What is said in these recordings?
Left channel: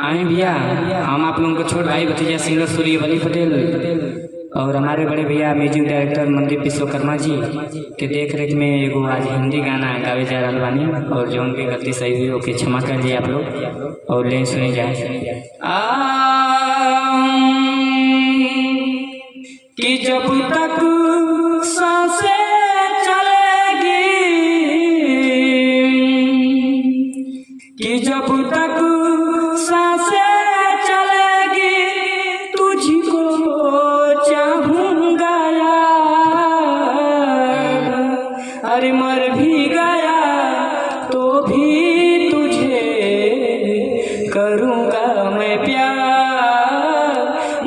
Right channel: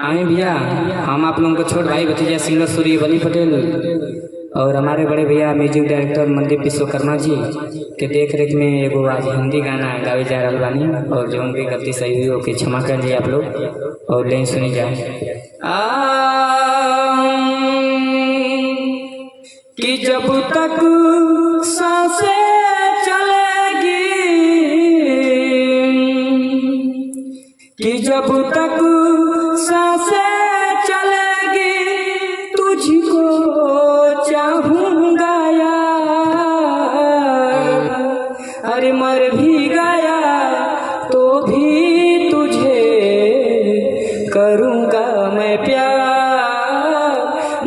आए भैया, हम आप लोगों को छोट भाई भतीजा सिंगर सूर्य बली पटेल और हमारे बड़े भैया म्यूजिक डायरेक्टर मनदीप विश्वकर्मा जी के देख रेख में एगो आज हिंदी गाना गावे जा रहा बानी और जौन भी गलती सही हुई ओके क्षमा कर लिए आप लोग और लेन सुनी जाए। कि जब तक सांसें चलेगी, कि जब तक सांसें चलेगी तुझको चाहूंगा यार, अरे मर भी गया तो भी तुझे करूंगा मैं प्यार,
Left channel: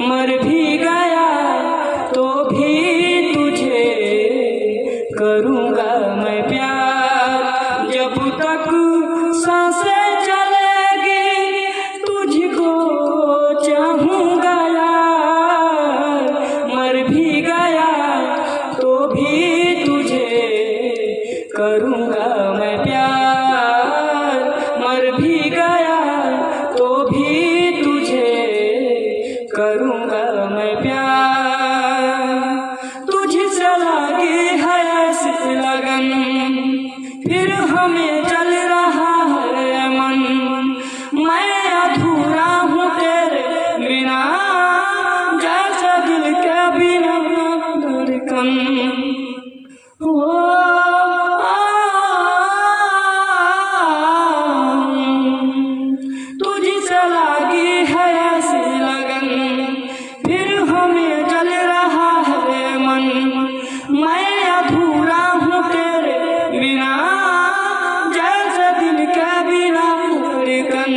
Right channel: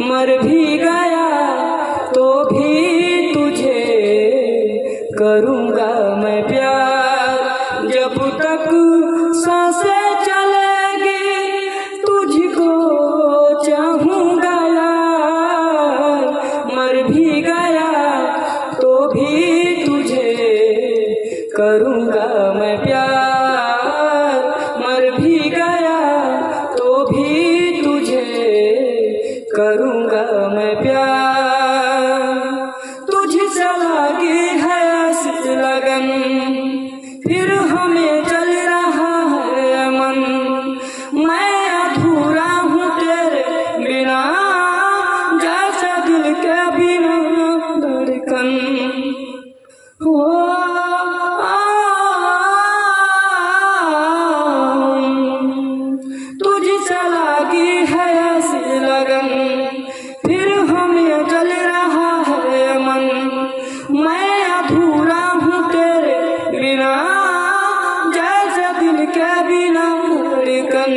मर भी गया तो भी तुझे करूंगा मैं प्यार। जब तक सांसें चलेगी तुझको चाहूंगा यार, मर भी गया तो भी तुझे करूंगा मैं प्यार, मर भी गया तो भी तुझे करूंगा मैं प्यार। तुझसे लगी है ऐसी लगन फिर हमें चल रहा है मन, मैं अधूरा हूँ तेरे बिना जैसे दिल के बिना धड़कन। तुझसे लगी है ऐसी लगन फिर हमें चल रहा है मन, मैं अधूरा हूँ तेरे बिना जैसे दिल के बिना धड़कन।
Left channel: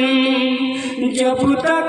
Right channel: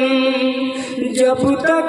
जब तक